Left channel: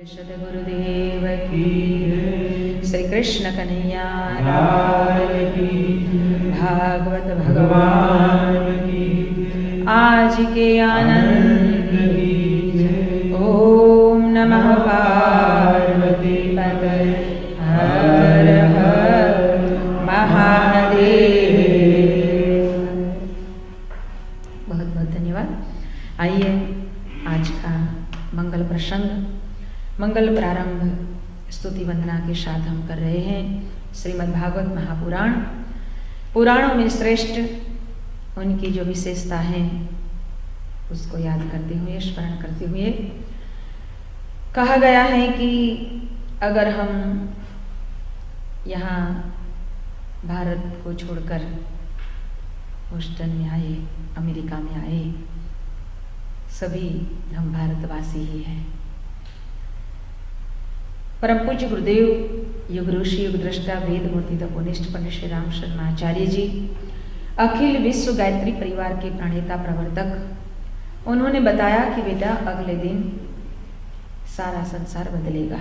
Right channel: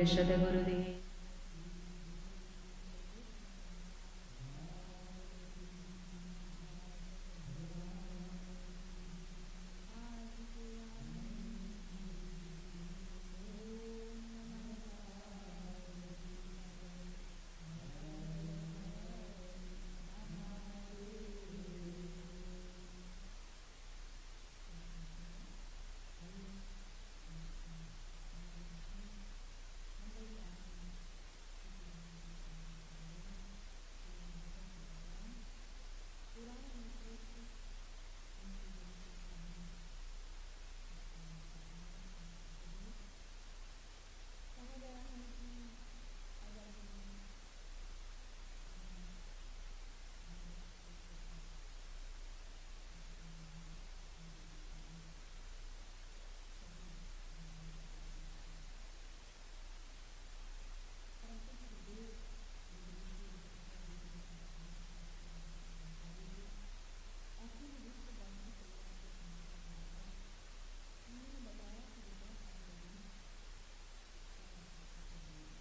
सद्गुरुदेव की श्री कृष्ण कन्हैया लाल की भागवत भगवान की आज के आनंद की ओम नमः पार्वती पतये हर हर महादेव। बहुत बहुत धन्यवाद। आइए आज का मंगल प्रसंग मंगल प्रारंभ स्तुति वंदना के साथ हम कर रहे हैं। श्रीमद् भागवत महापुराण, पुराणों में श्रेष्ठ उनकी जो विशेषता है उसको याद करते हुए, स्मरण करते हुए कहा गया है कि अगर हम यहाँ भारत को छोड़कर ह्यूस्टन में आए, अमेरिका में आए, सभी हम भारतवासी ही हैं। परम पूज्य गुरुदेव युग ऋषि युग दृष्टा वेद मूर्ति तपोनिष्ठ पंडित श्री राम शर्मा आचार्य जी अखिल विश्व गायत्री परिवार के प्रणेता प्रवर्तक, उन्होंने बताया कि बेटा अगले दिन सारा संसार बदलेगा,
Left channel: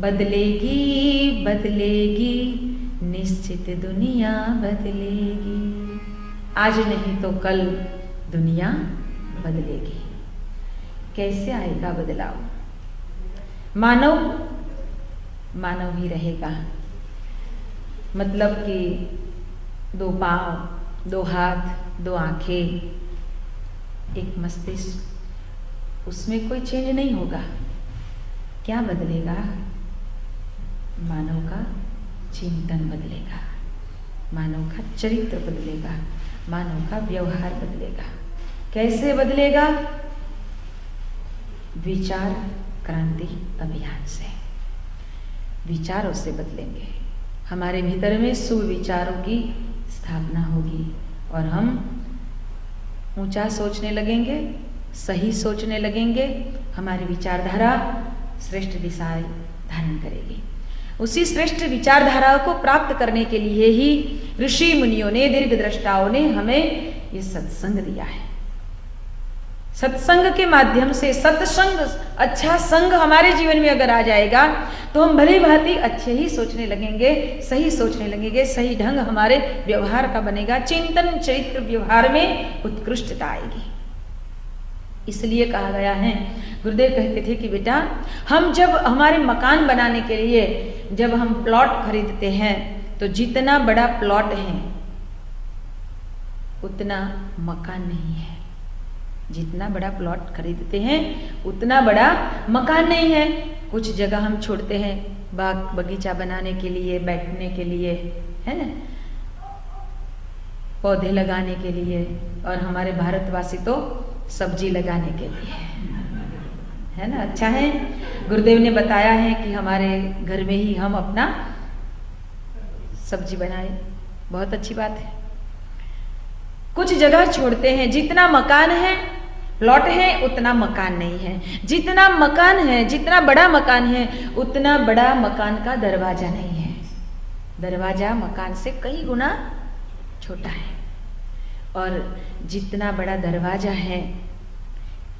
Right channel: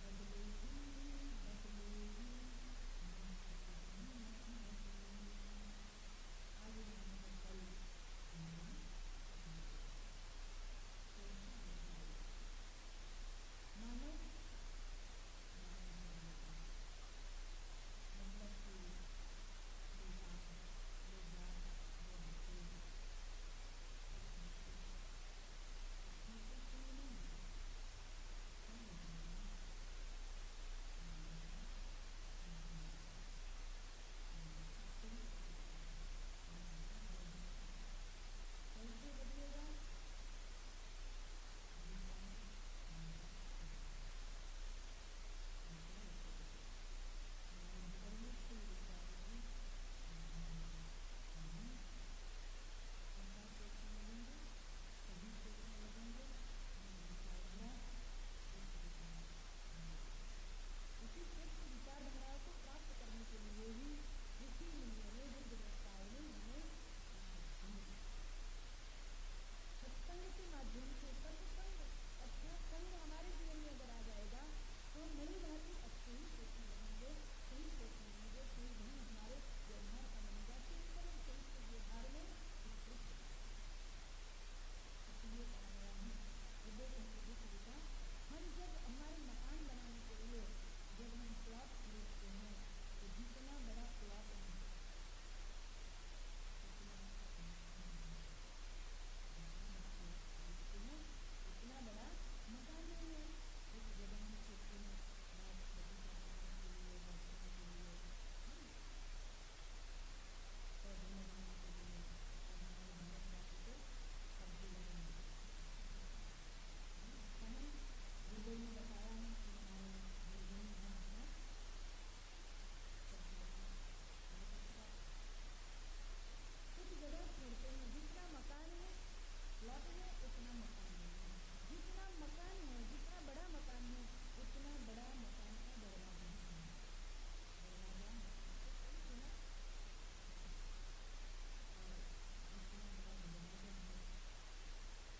बदलेगी बदलेगी निश्चित दुनिया बदलेगी। आज नहीं तो कल दुनिया बदलेगी। कैसे आएगा बदलाव? मानव मानव ही रहेगा, मतलब कि दो पांव, दो हाथ, दो आंखें, एक मस्तिष्क, उसमें कोई चेंज नहीं होगा। क्या बदलेगा? मानव का चिंतन बदलेगा, मानव का चरित्र बदलेगा, मानव का व्यवहार बदलेगा। कैसे बदलेगा? विचार क्रांति अभियान से, विचारों से बदलेंगे। हमारे भीतर में शुभ विचारों की स्थापना होगी और हम ऊंचा सोचने लगेंगे, सही सोचने लगेंगे। हमारी विचारधारा श्रेष्ठ दिशाएं धारण करेगी। उसी श्रेष्ठ विचारधारा को प्राप्त करने के लिए ही ऋषि मुनियों ने, दीर्घ दृष्टाओं ने हमें ये सत्संग दिया है। सत्संग के माध्यम से, सत्संग, अच्छा संग हमारे जीवन में अगर आ जाएगा तो हम भली भांति अच्छे ही सोचने लगेंगे, सही सोचने लगेंगे, सही ढंग हमारे व्यवहार का बनेगा, चिंतन चरित्र व्यवहार में उत्कृष्टता आएगी। इसलिए कहा गया है, गुरुदेव कहते थे कि बेटा हम जब हमारे मकान बनाने के लिए जब हम प्लॉट खरीदते हैं तो जितना बड़ा प्लॉट है उतना मकान नहीं है। जितना बड़ा प्लॉट खरीदते हैं उतना बड़ा मकान नहीं है। कुछ जगह हम छोड़ते हैं बाग बगीचा बनाने के लिए, बैठने के लिए, है ना, पौधे लगाने के लिए, और हमारे भारतवासी तो सब्जी लगाने के लिए, है ना। अच्छा है, गुरुदेव ने बताया है कि हमारे घर में ही हम अपना सब्जी बनाए, बहुत अच्छी बात है। कुछ जगह छोड़ते हैं, जितना मकान है, प्लॉट है, उतना मकान नहीं है। जितना मकान है, जितना बड़ा मकान है, उतना बड़ा मकान का दरवाजा नहीं है। दरवाजा मकान से कई गुना छोटा है। और जितना बड़ा दरवाजा है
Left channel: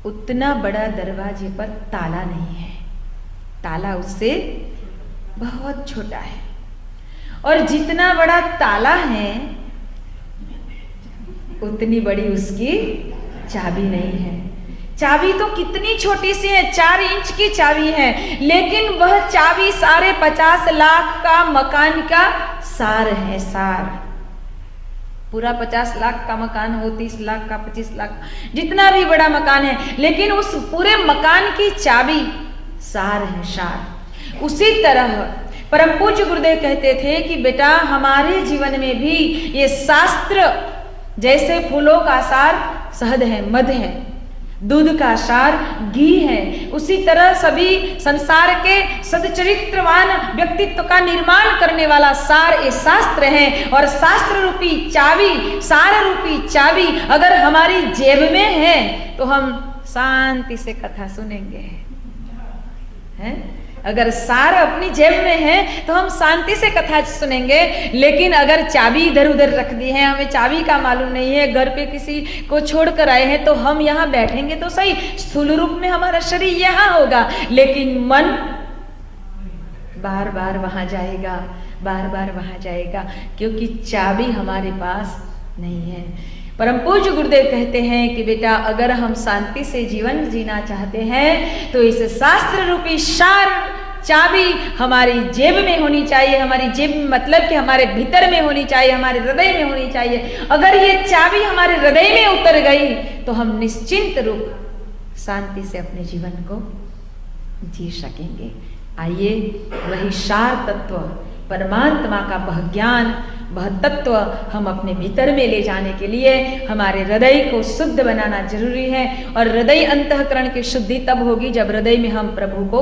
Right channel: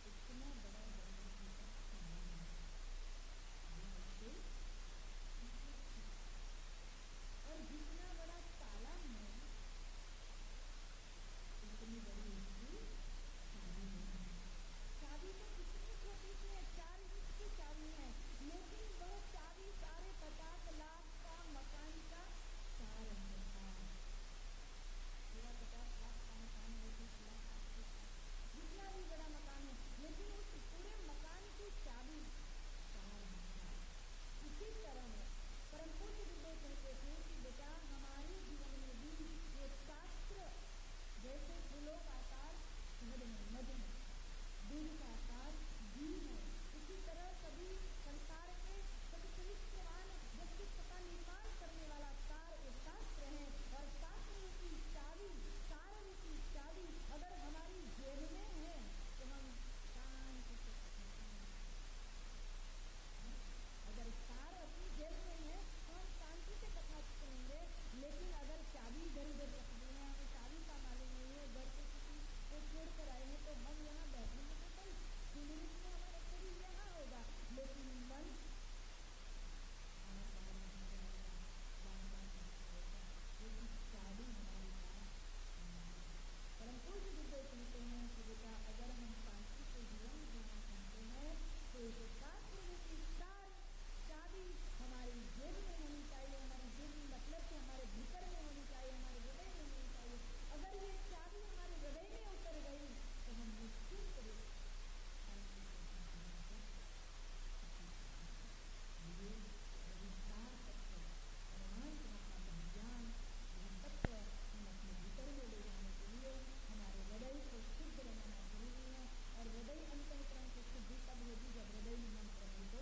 उतना बड़ा दरवाजे पर ताला नहीं है। ताला उससे बहुत छोटा है। और जितना बड़ा ताला है उतनी बड़ी उसकी चाबी नहीं है। चाबी तो कितनी छोटी सी है, 4 इंच की चाबी है, लेकिन वह चाबी 50 लाख का मकान का सार है। सार पूरा 50 लाख का मकान हो, 30 लाख का, 25 लाख, जितना भी बड़ा मकान है, लेकिन उस पूरे मकान की चाबी सार है, सार। उसी तरह परम पूज्य गुरुदेव कहते थे कि बेटा हमारे जीवन में भी ये शास्त्र जैसे फूलों का सार शहद है, मध है, दूध का सार घी है, उसी तरह सभी संसार के सदचरित्रवान व्यक्तित्व का निर्माण करने वाला सार ये शास्त्र है। और शास्त्र रूपी चाबी, सार रूपी चाबी अगर हमारी जेब में है तो हम शांति से कथा सुनेंगे, हैं? अगर सार अपनी जेब में है तो हम शांति से कथा सुनेंगे, लेकिन अगर चाबी इधर उधर रख दी है, हमें चाबी का मालूम नहीं है, घर पे किसी को छोड़ कर आए हैं, तो हम यहाँ बैठेंगे तो सही, स्थूल रूप में हमारा शरीर यहाँ होगा, लेकिन मन बार बार वहां जाएगा, बार बार वहां जाएगा, क्योंकि चाबी हमारे पास नहीं है। परम पूज्य गुरुदेव कहते हैं कि बेटा अगर हम शांति से जीवन जीना चाहते हैं तो इस शास्त्र रूपी सार चाबी हमारी जेब में होनी चाहिए। हमारी जेब में मतलब कि हमारे भीतर में होनी चाहिए, हमारे हृदय में होनी चाहिए। अगर ये चाबी हमारे हृदय में उतर गई तो हम निश्चिंत रूप शांति से अपने जीवन को जी सकेंगे। आइए वही सार तत्व, परमात्मा का वह ज्ञान, वह तत्व हम अपने भीतर में ले जाने के लिए हमारे हृदय को शुद्ध बनाना जरूरी है। और हृदय अंतःकरण की शुद्धि तब होगी जब हृदय में हम प्रभु को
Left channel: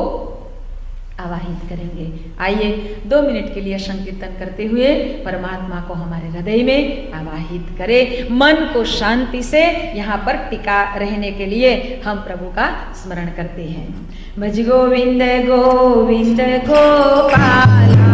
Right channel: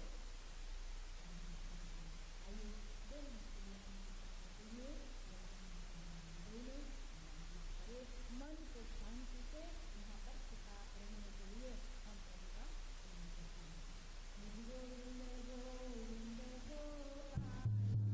आवाहित करेंगे। आइए 2 मिनट के लिए संकीर्तन करते हुए परमात्मा को हमारे हृदय में आवाहित करें। मन को शांति से यहाँ पर टिका रहने के लिए हम प्रभु का स्मरण करते हैं। भज गोविंद गोविंद गोपाला,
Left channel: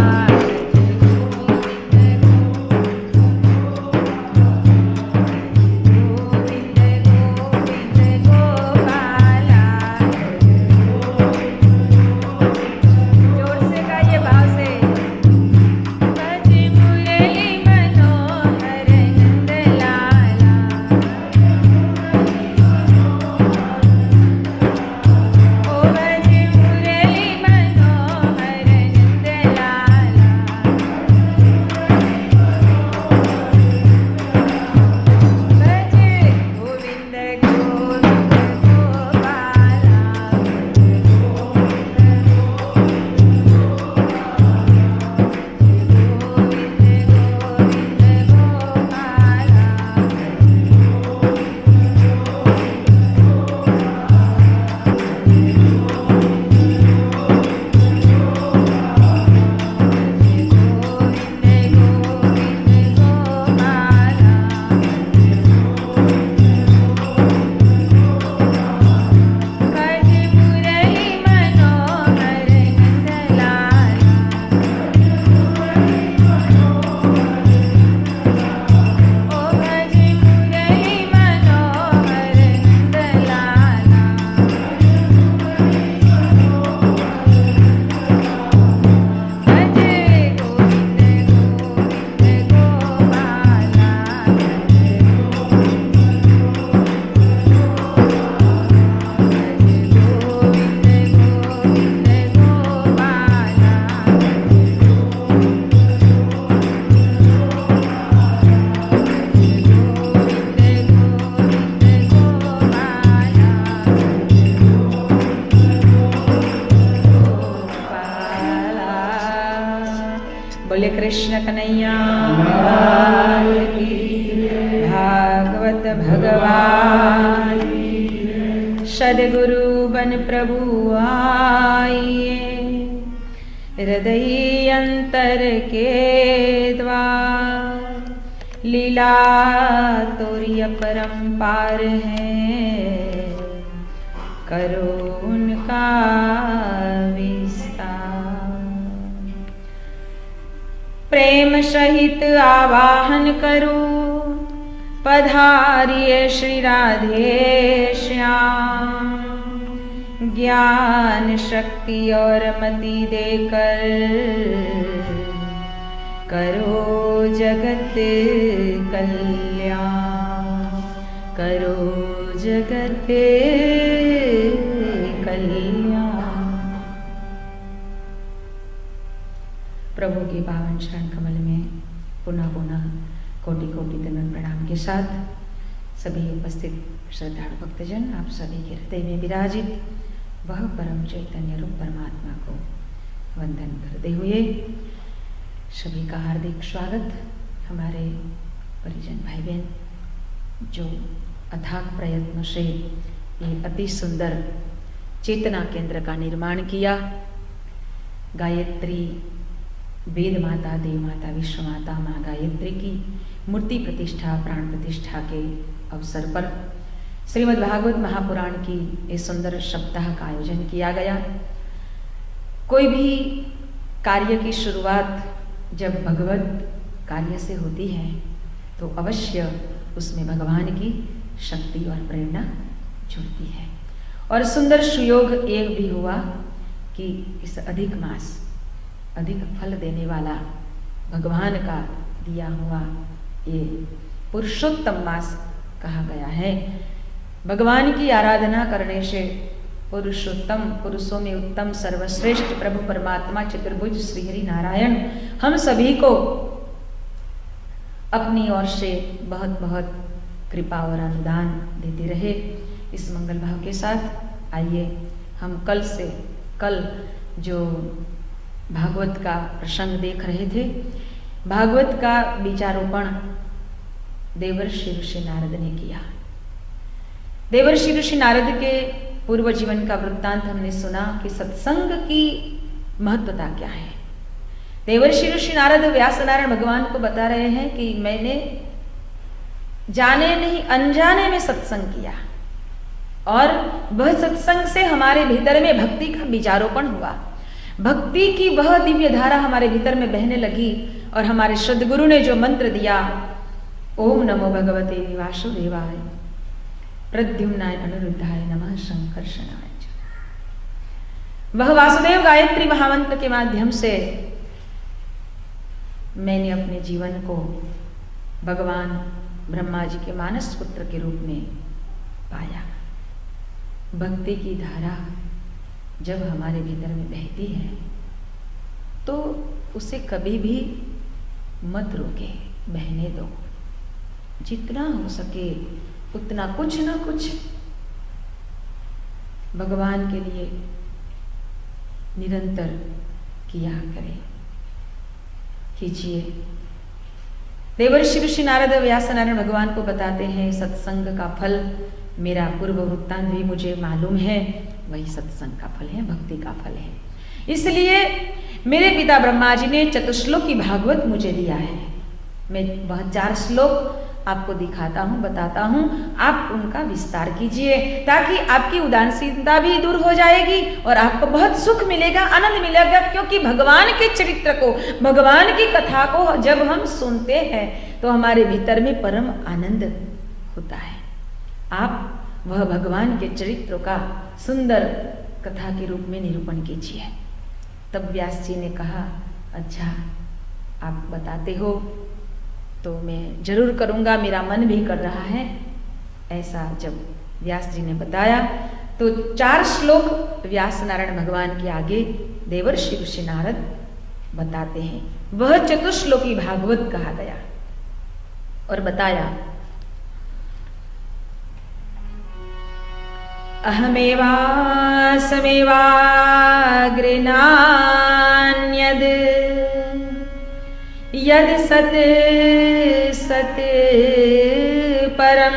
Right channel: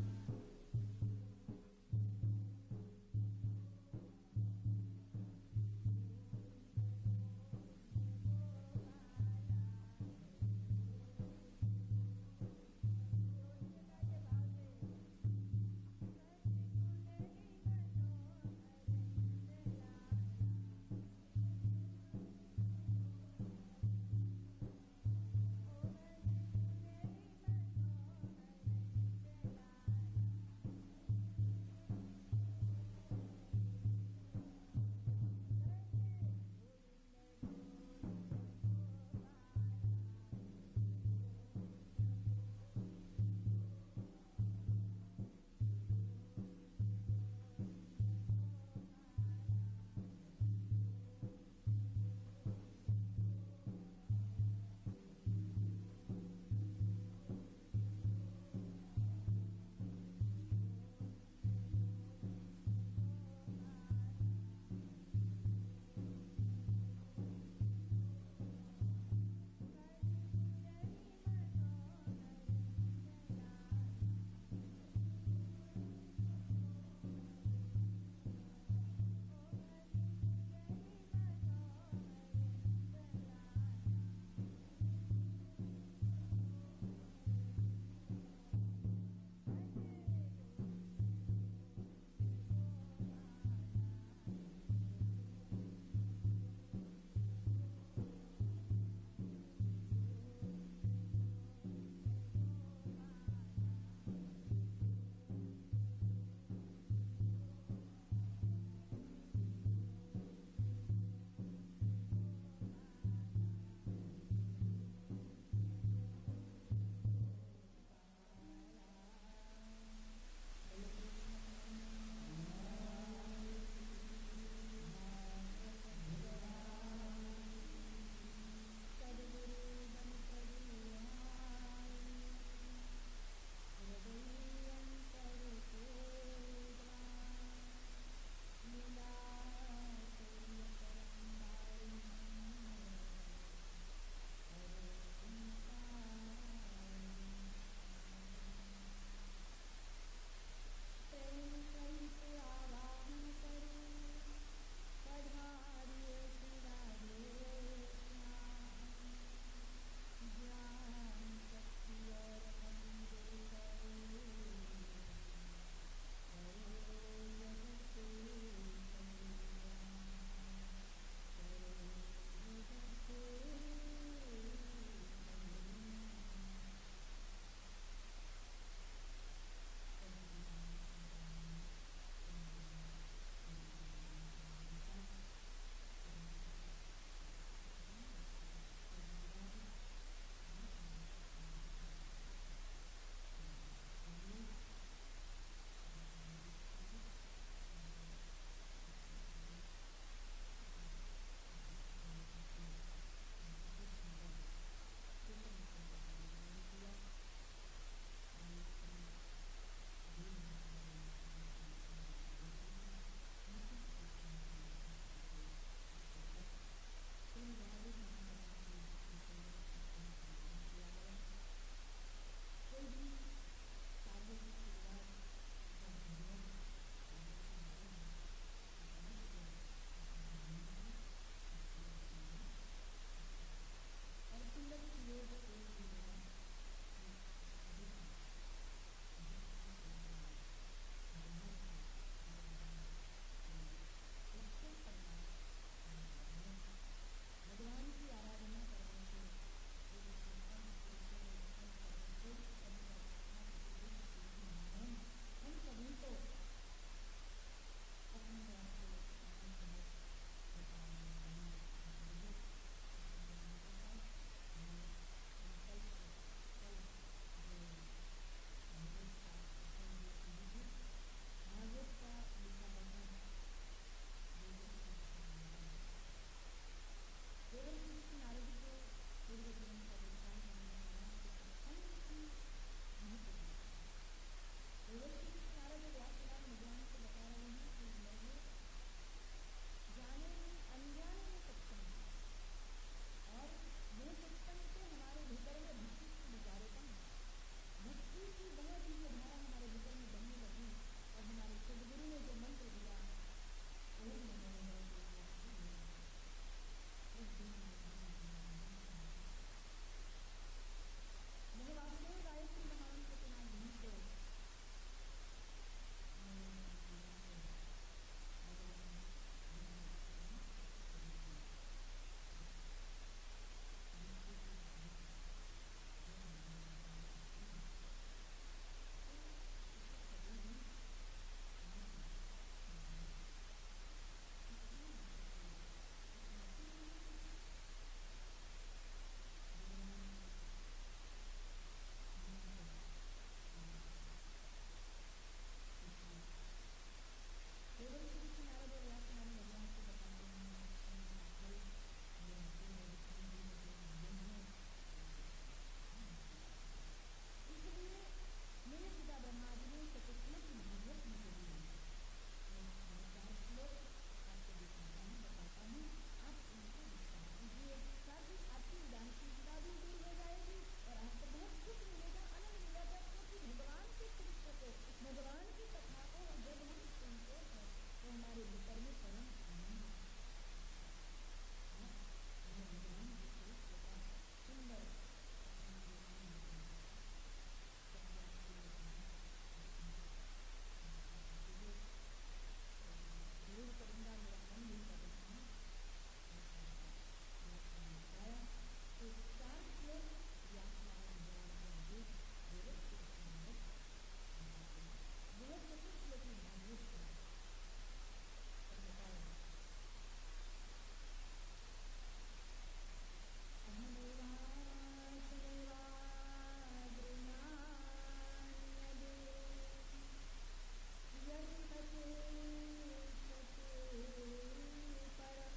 कृष्ण कन्हैया भागवत भगवान सदगुरु बन प्रभु आइए, हृदय अंतर के द्वार लीला तोरी अपरंपार है, करो उनका प्रेम सहित आवाहन करूं, पधारिए श्री राधे श्याम, ज्ञान शक्ति और मति देकर करो जगत कल्याण, करो जगत कल्याण। प्रभु के पावन शरण कमल में पुनः पुनः कोटि कोटि दंडवत प्रणाम के साथ सभी उपस्थित श्रद्धालु भक्तजन आप सभी के हृदय में विराजित वह परम चैतन्य रूप परमात्मा को वंदन करते हुए सभी का हार्दिक स्वागत। हमारे परिजन भाई बहन जो अथाक प्रयत्न से ये अति सुंदर चेतना केंद्र का निर्माण किया, गायत्री वेद माता, देव माता, विश्व माता माँ गायत्री की मूर्ति प्रतिष्ठा, प्राण प्रतिष्ठा के अवसर पर श्रीमद् भागवत महापुराण की इस सुंदर सप्ताह का आयोजन किया गया। कोई भी कार्य की शुरुआत जब भगवत कार्य से होती है तो अवश्य उसमें भगवान की शक्ति और प्रेरणा जुड़ती है। और सुंदर सुयोग एक भी हुआ कि इस अधिक मास, अधिक फल देने वाला भगवान का दिया हुआ ये पुरुषोत्तम मास कहा गया है। भगवान की आराधना करने से पुरुषोत्तम, पुरुषों में उत्तम, सर्वश्रेष्ठ प्रभु परमात्मा चतुर्भुज श्री हरि नारायण हम सभी को अपनी ओर से बहुत बहुत कृपा और अनुदान देते रहे। इस मंगल भाव के साथ आइए हम कल जो भागवत का प्रसंग देख रहे थे, भागवत का बीजारोपण देवर्षि ऋषि नारद ने किया। देवर्षि ऋषि नारद के पूर्व जीवन का वृत्तांत हमने सुना कि सत्संग की महत्वता क्या है। देवर्षि ऋषि नारद व्यास नारायण भगवान को बता रहे हैं कि मैंने जाने नहीं अनजाने में सत्संग किया और वह सत्संग से हमारे भीतर में भक्ति का बीजारोपण हुआ। भक्ति की वह दिव्य धारा हमारे भीतर में बहने लगी और हमारे सद्गुरु ने जो मंत्र दिया, ओम नमो भगवते वासुदेवाय प्रद्युम्नाय अनिरुद्धाय नमः संकर्षणाय, वह वासुदेव गायत्री महामंत्र के माध्यम से मैंने अपने जीवन को भगवान ब्रह्मा जी के मानस पुत्र के रूप में पाया। भक्ति की धारा जब हमारे भीतर में बहती है तो उसे कभी भी मत रोके, बहने दो। जितना हो सके उतना कुछ ना कुछ भगवान के लिए निरंतर किया करें, कीजिए। देवर्षि ऋषि नारद व्यास नारायण भगवान को बताते हैं सत्संग का फल, मेरा पूर्व वृत्तांत भी मुझे मालूम है, वही सत्संग का फल है, भक्ति का फल है। इसलिए मेरे पिता ब्रह्मा जी ने चतुश्लोकी भागवत मुझे दिया है। मैं वह 4 श्लोक आपको दिखाता हूँ, बताता हूँ, आप उनका विस्तार कीजिए ताकि आपकी उदासीनता भी दूर हो जाएगी और आपको बहुत सुख मिलेगा, आनंद मिलेगा। क्योंकि भगवान के चरित्र को, भगवान की कथा को जब हम सुनते हैं तो हमारे भीतर में परम आनंद होता है। आप वह भगवान के चरित्र का सुंदर कथा के रूप में निरूपण कीजिए। तब व्यास जी ने कहा, अच्छा आप बताते हो तो मैं जरूर करूँगा, मेरा मन भी कर रहा है। ऐसा जब व्यास जी ने बताया तो 4 श्लोक व्यास नारायण भगवान के आगे देवर्षि ऋषि नारद बताते हैं। वह चतुश्लोकी भागवत कहा गया और बताया, अहमेवासमेवाग्रेनान्यद् यद सत सत परम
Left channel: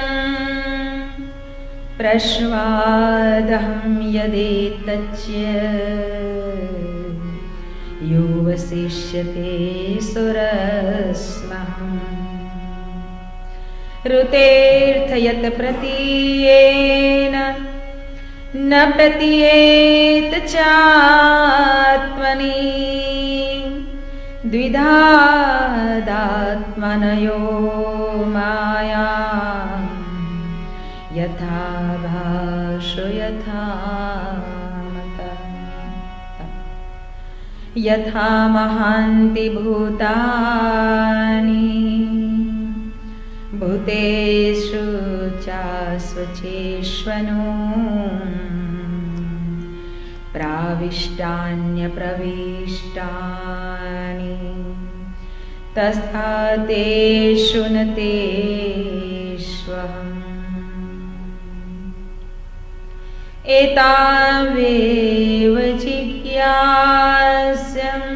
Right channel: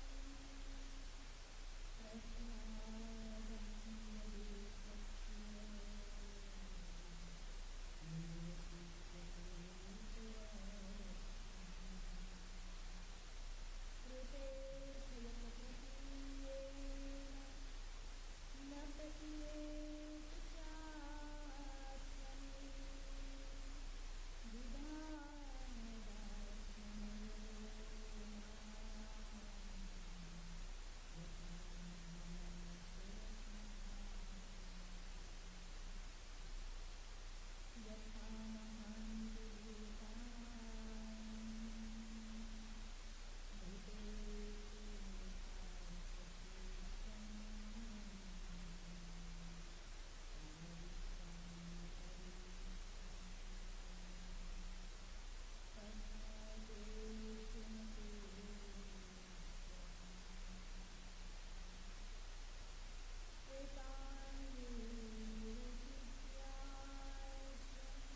प्रश्वादहं यदेतच्च यो वसिष्यते सुरस्महम् ऋतेऽर्थयत् प्रतीयेन न प्रतीयेत चात्मनि द्विधादात्मनयो माया यथा भाषो यथा मता यथा महान्ति भूतानि भूतेषु चास्वचेष्वनु प्राविष्टान्यप्रविष्टानि तथा तेषु न तेष्वहम् एतावेव जिज्ञास्यम्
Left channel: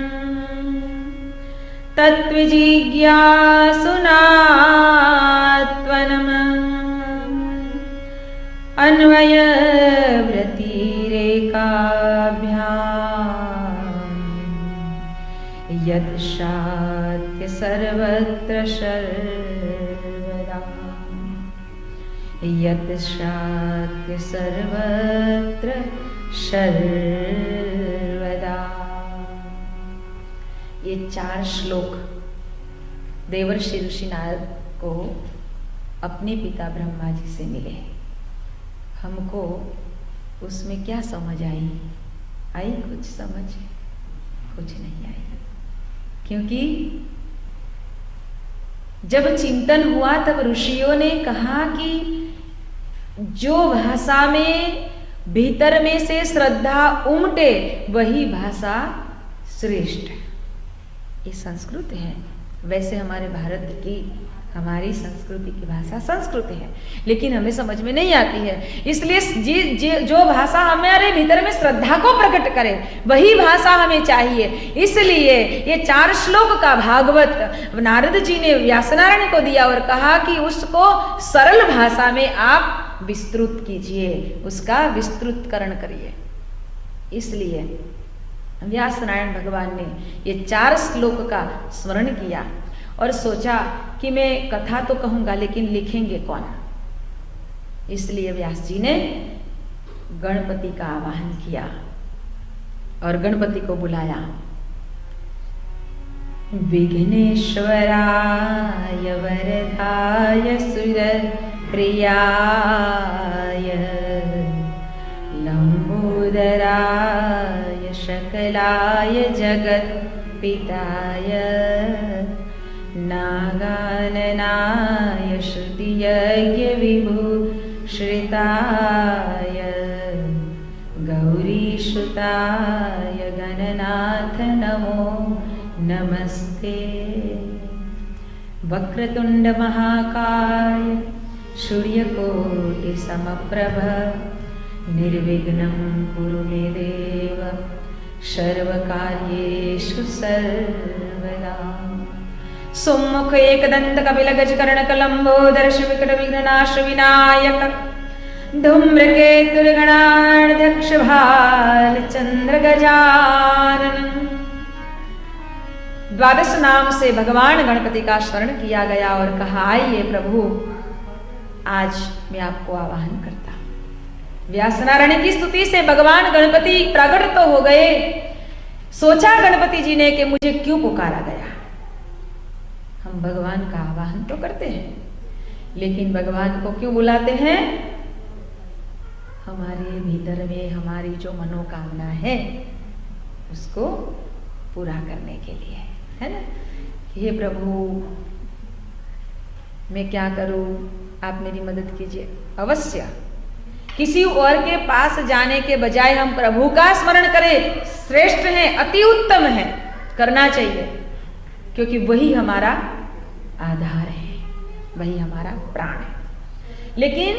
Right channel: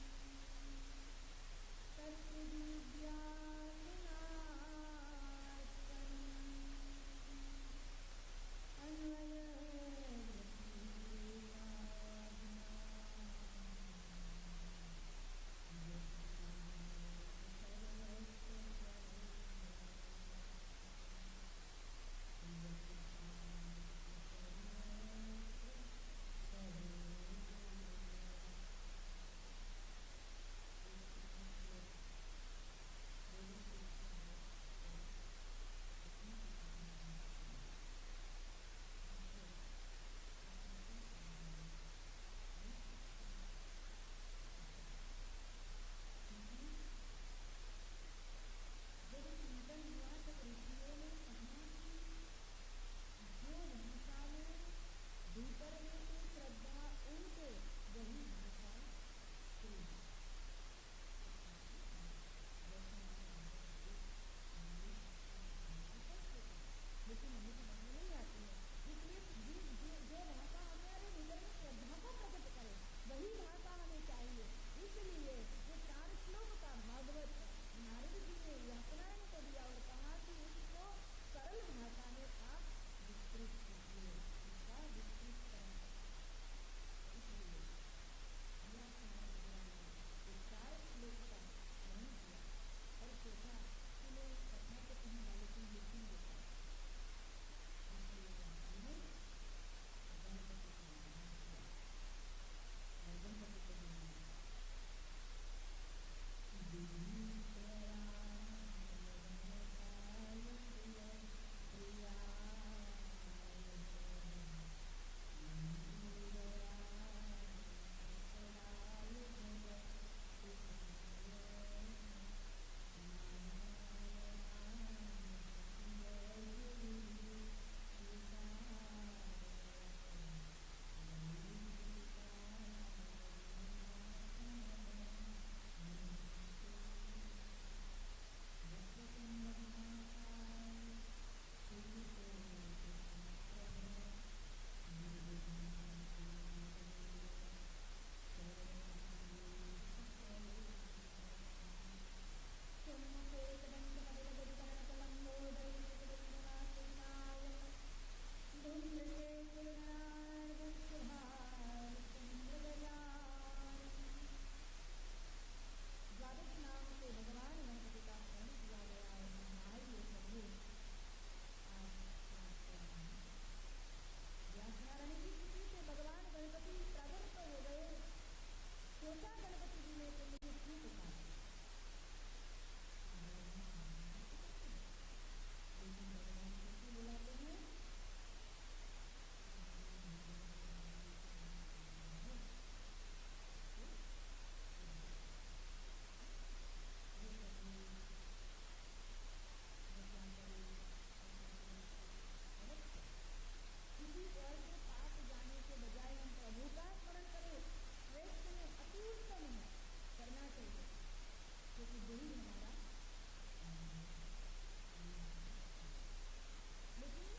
तत्त्वजिज्ञासुनात्वनम् अन्वयव्यतिरेकाभ्याम् यत्शात्य सर्वत्र सर्वदा यत्शात्य सर्वत्र सर्वदा। ये 4 श्लोक देवर्षि ऋषि नारद को अपने पिता ब्रह्मा जी से मिले। हमको उसमें क्या समझ आई? कुछ समझ? कुछ नहीं आई, क्योंकि जब चिंतन हुआ तब ऋषियों ने कहा कि जो भाषा में भीतर में से श्रद्धा उमटे वही भाषा श्रेष्ठ है। ये संस्कृत है। वैसे हमारे भारत की, हमारी संस्कृति की भाषा संस्कृत है, लेकिन हमें समझ में नहीं आती है। इसलिए जो भाषा हमारे भीतर में श्रद्धा को प्रकट करे वही भाषा हमें चाहिए। इसलिए ये 4 श्लोक का भागवत नारद जी ने व्यासनारायण को दिया और कहा कि उसको सरल भाषा में आप विस्तृत कीजिए, उसका विस्तृतकरण करिए। इसलिए व्यासनारायण भगवान ने ये 4 श्लोक का स्मरण किया और सोचा कि मैं कथा तो कहूंगा लेकिन लिखेंगे कौन। इसलिए व्यास जी ने गणपति का आवाहन किया और गणपति को बुलाया। विघ्नेश्वराय वरदाय सुर प्रियाय लंबोदराय शकलाय जगत पिताय नागाननाय श्रुतियज्ञ विभूषिताय गौरीसुताय गणनाथ नमो नमस्ते। वक्रतुंड महाकाय सूर्यकोटि समप्रभ निर्विघ्नं कुरु मे देव सर्वकार्येषु सर्वदा। सुमुख एकदंत कपिल गजकर्ण कलंबोदर विकट विघ्ननाश विनायक धूम्रकेतुर्गणाध्यक्ष भाल चंद्र गजानन। 12 नाम से भगवान गणपति का स्मरण किया गया और कहा, आइए प्रभु आज मैं आपको आवाहन करता। व्यासनारायण की स्तुति से भगवान गणपति प्रकट तो हो गए। सोचा गणपति जी ने कि मुझे क्यों पुकारा गया। हम भगवान का आवाहन तो करते हैं, लेकिन भगवान को क्यों बुलाते हैं? हमारे भीतर में हमारी जो मनोकामना है उसको पूरा करने के लिए, है ना। हे प्रभु मैं क्या करूं, आप मेरी मदद कीजिए। अवश्य किसी और के पास जाने के बजाय हम प्रभु का स्मरण करें, श्रेष्ठ है, अति उत्तम है, करना चाहिए, क्योंकि वही हमारा आधार है, वही हमारा प्राण है। लेकिन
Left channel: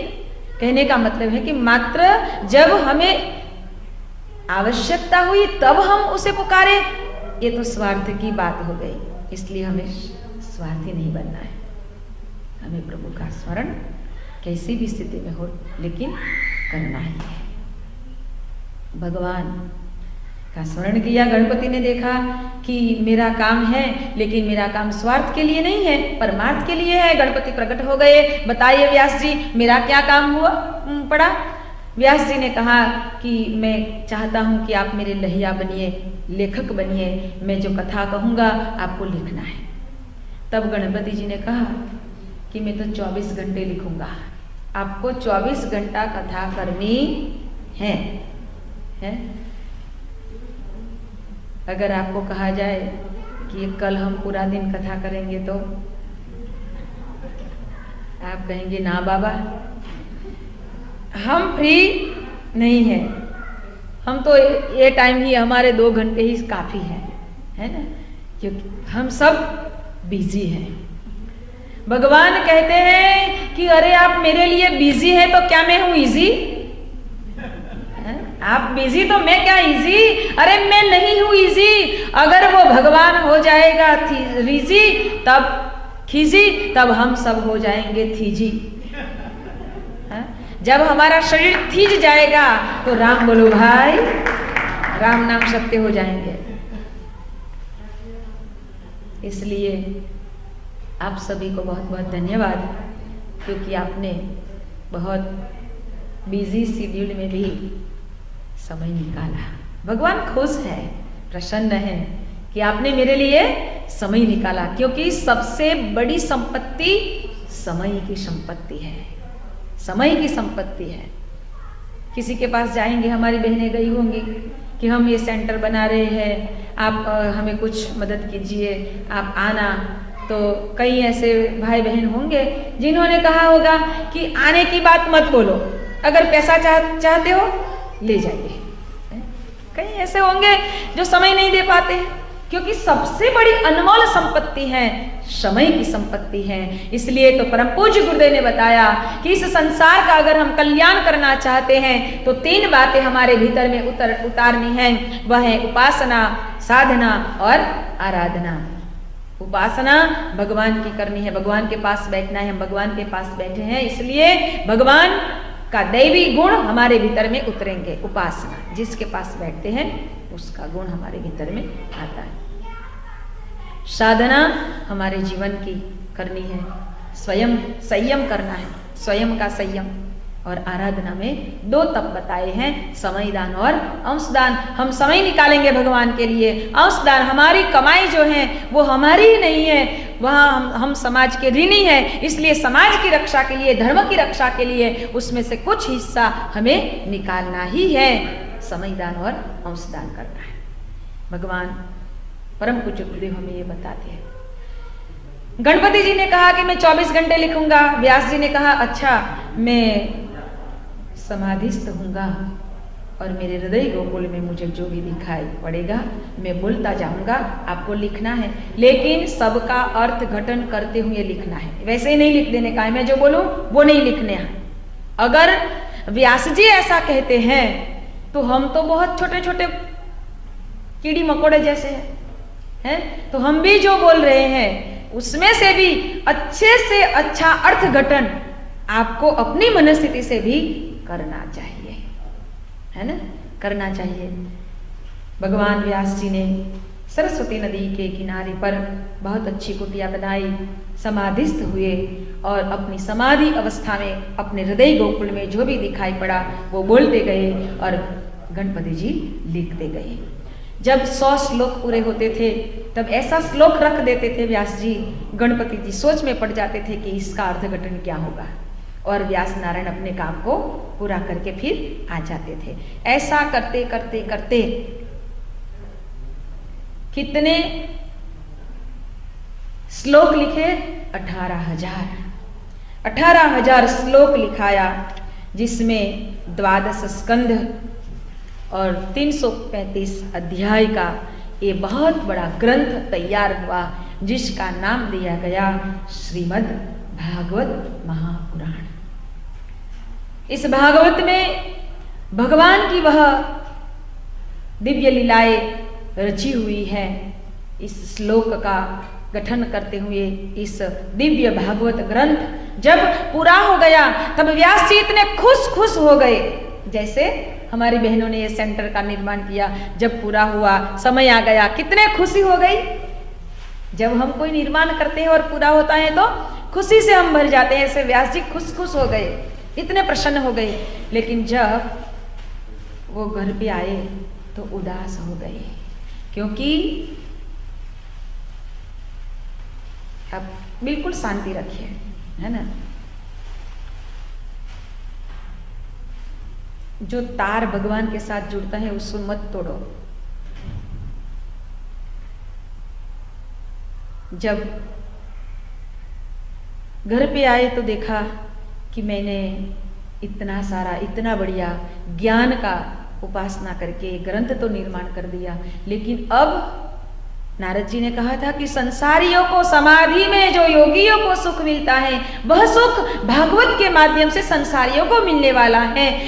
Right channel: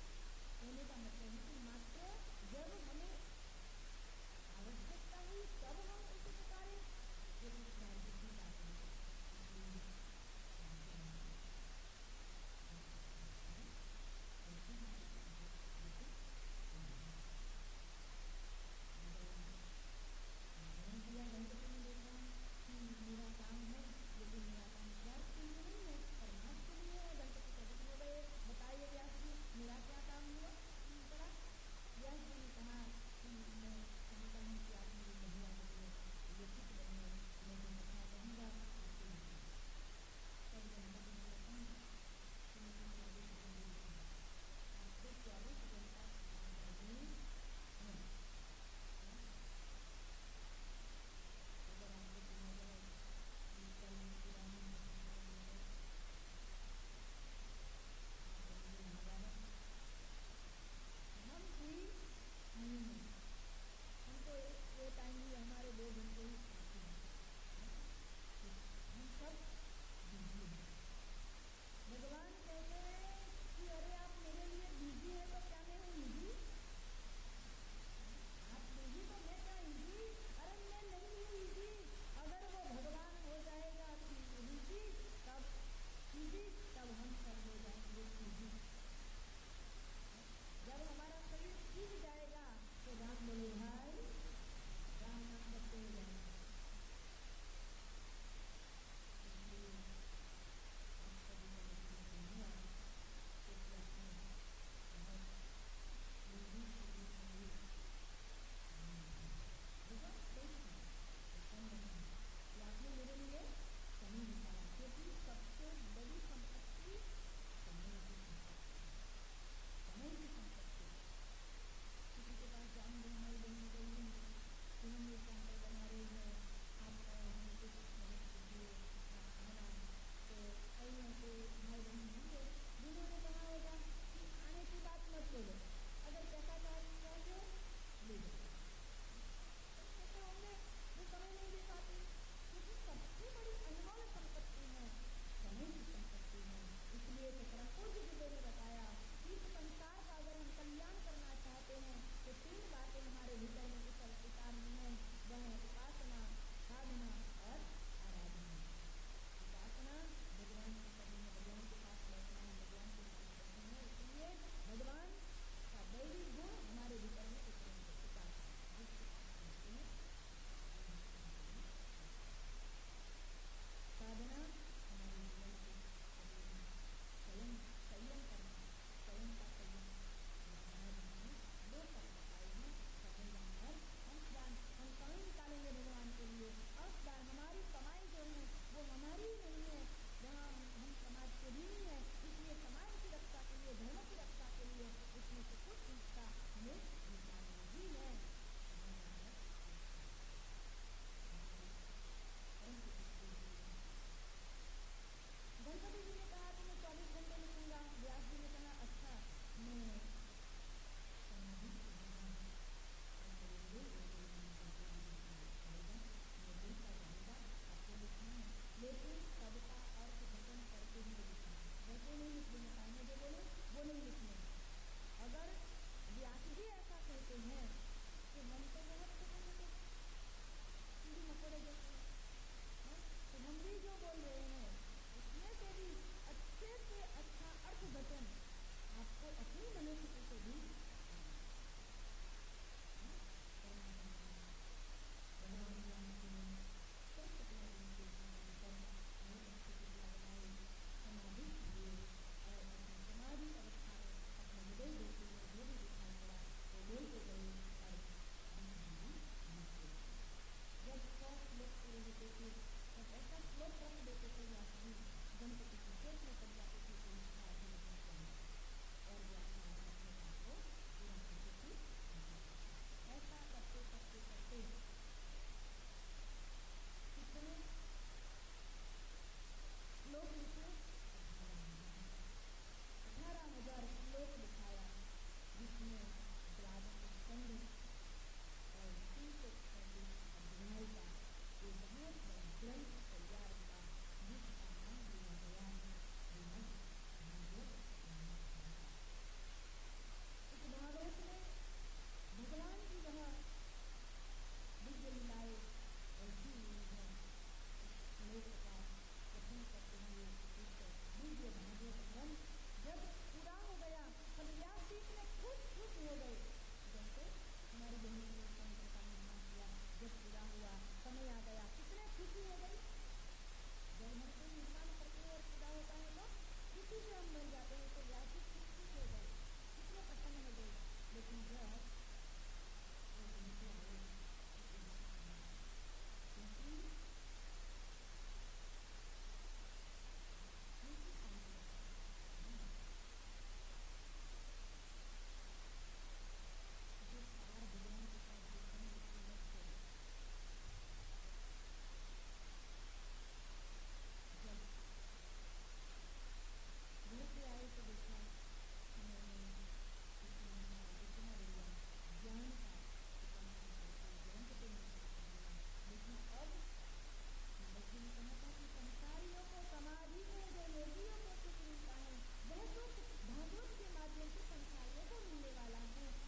कहने का मतलब है कि मात्र जब हमें आवश्यकता हुई तब हम उसे पुकारे, ये तो स्वार्थ की बात हो गई। इसलिए हमें स्वार्थी नहीं बनना है। हमें प्रभु का स्मरण कैसी भी स्थिति में हो लेकिन करना ही है। भगवान का स्मरण किया। गणपति ने देखा कि मेरा काम है, लेकिन मेरा काम स्वार्थ के लिए नहीं है, परमार्थ के लिए है। गणपति प्रकट हो गए। बताइए व्यास जी मेरा क्या काम हुआ पड़ा। व्यास जी ने कहा कि मैं चाहता हूं कि आप मेरे लहिया बनिए, लेखक बनिए, मैं जो कथा कहूंगा आपको लिखना है। तब गणपति जी ने कहा कि मैं तो 24 घंटे लिखूंगा, आपको 24 घंटा कथा करनी है? अगर आपको कहा जाए कि कल हम पूरा दिन कथा करेंगे तो आप कहेंगे ना बाबा हम फ्री नहीं है, हम तो ये टाइम ही हमारे 2 घंटे ही काफी है ना, क्योंकि हम सब बिजी हैं। भगवान कहते हैं कि अरे आप मेरे लिए बिजी है तो क्या मैं हूं इजी? आप बिजी तो मैं क्या इजी? अरे मैं नहीं हूं इजी। अगर वो भगवान हो जाएगा रिजी तब खिजी, तब हम सब हो जाएंगे थीजी। जब हमारा शरीर थीज जाएगा तो राम बोलो भाई, राम नाम सत्य हो जाएंगे। इसलिए आप सभी को बहुत बहुत धन्यवाद, क्योंकि आपने बहुत बिजी शेड्यूल में भी समय निकाला। भगवान खुश है, प्रसन्न है कि आपने मेरे लिए समय निकाला, क्योंकि सबसे बड़ी संपत्ति समय की संपत्ति है, समय की संपत्ति है। किसी के पास जाएंगे, हमारी बहनें गई होंगी कि हम ये सेंटर बना रहे हैं, आप हमें कुछ मदद कीजिए, आप आना। तो कई ऐसे भाई बहन होंगे जिन्होंने कहा होगा कि आने की बात मत बोलो, अगर पैसा चाहते हो ले जाइए। कई ऐसे होंगे जो समय नहीं दे पाते हैं, क्योंकि सबसे बड़ी अनमोल संपत्ति है समय की संपत्ति है। इसलिए तो परम पूज्य गुरुदेव ने बताया कि इस संसार का अगर हम कल्याण करना चाहते हैं तो 3 बातें हमारे भीतर में उतारनी है। वह है उपासना, साधना और आराधना। उपासना भगवान की करनी है, भगवान के पास बैठना है। हम भगवान के पास बैठे हैं, इसलिए भगवान का दैवी गुण हमारे भीतर में उतरेंगे। उपासना, जिसके पास बैठते हैं उसका गुण हमारे भीतर में आता है। साधना हमारे जीवन की करनी है, स्वयं संयम करना है, स्वयं का संयम। और आराधना में 2 तप बताए हैं, समय दान और अंशदान। हम समय निकालेंगे भगवान के लिए। अंशदान, हमारी कमाई जो है वो हमारी ही नहीं है, वहाँ हम समाज के ऋणी हैं, इसलिए समाज की रक्षा के लिए, धर्म की रक्षा के लिए उसमें से कुछ हिस्सा हमें निकालना ही है। समय दान और अंशदान करना है। भगवान परम पूज्य गुरुदेव हमें ये बताते हैं। गणपति जी ने कहा कि मैं 24 घंटे लिखूंगा, व्यास जी ने कहा अच्छा मैं समाधिस्थ होऊंगा और मेरे हृदय गोकुल में मुझे जो भी दिखाई पड़ेगा मैं बोलता जाऊंगा, आपको लिखना है, लेकिन सबका अर्थ घटन करते हुए लिखना है। वैसे ही नहीं लिख देने का है, मैं जो बोलूं वो नहीं लिखने है। अगर व्यास जी ऐसा कहते हैं तो हम तो बहुत छोटे छोटे कीड़ी मकोड़े जैसे हैं, तो हम भी जो बोल रहे हैं उसमें से भी अच्छे से अच्छा अर्थ घटन आपको अपनी मनस्थिति से भी करना चाहिए, है ना, करना चाहिए। भगवान व्यास जी ने सरस्वती नदी के किनारे पर बहुत अच्छी कुटिया बनाई, समाधिस्थ हुए और अपनी समाधि अवस्था में अपने हृदय गोकुल में जो भी दिखाई पड़ा वो बोलते गए और गणपति जी लिखते गए। जब 100 श्लोक पूरे होते थे तब ऐसा श्लोक रख देते थे व्यास जी, गणपति जी सोच में पड़ जाते थे कि इसका अर्थघटन क्या होगा, और व्यास नारायण अपने काम को पूरा करके फिर आ जाते थे। ऐसा करते करते करते कितने श्लोक लिखे? 18,000 श्लोक लिखाया, जिसमें 12 स्कंध और 335 अध्याय का ये बहुत बड़ा ग्रंथ तैयार हुआ, जिसका नाम दिया गया श्रीमद् भागवत महापुराण। इस भागवत में भगवान की वह दिव्य लीलाएं रची हुई है। इस श्लोक का गठन करते हुए इस दिव्य भागवत ग्रंथ जब पूरा हो गया तब व्यास जी इतने खुश हो गए, जैसे हमारी बहनों ने ये सेंटर का निर्माण किया, जब पूरा हुआ, समय आ गया, कितने खुशी हो गई। जब हम कोई निर्माण करते हैं और पूरा होता है तो खुशी से हम भर जाते हैं। ऐसे व्यास जी खुश हो गए, इतने प्रसन्न हो गए। लेकिन जब वो घर पे आए तो उदास हो गए, क्योंकि अब बिल्कुल शांति रखिए, है ना। जो तार भगवान के साथ जुड़ता है उसको मत तोड़ो। जब घर पे आए तो देखा कि मैंने इतना सारा, इतना बढ़िया ज्ञान का उपासना करके ग्रंथ तो निर्माण कर दिया, लेकिन अब नारद जी ने कहा था कि संसारियों को समाधि में जो योगियों को सुख मिलता है वह सुख भागवत के माध्यम से संसारियों को मिलने वाला है।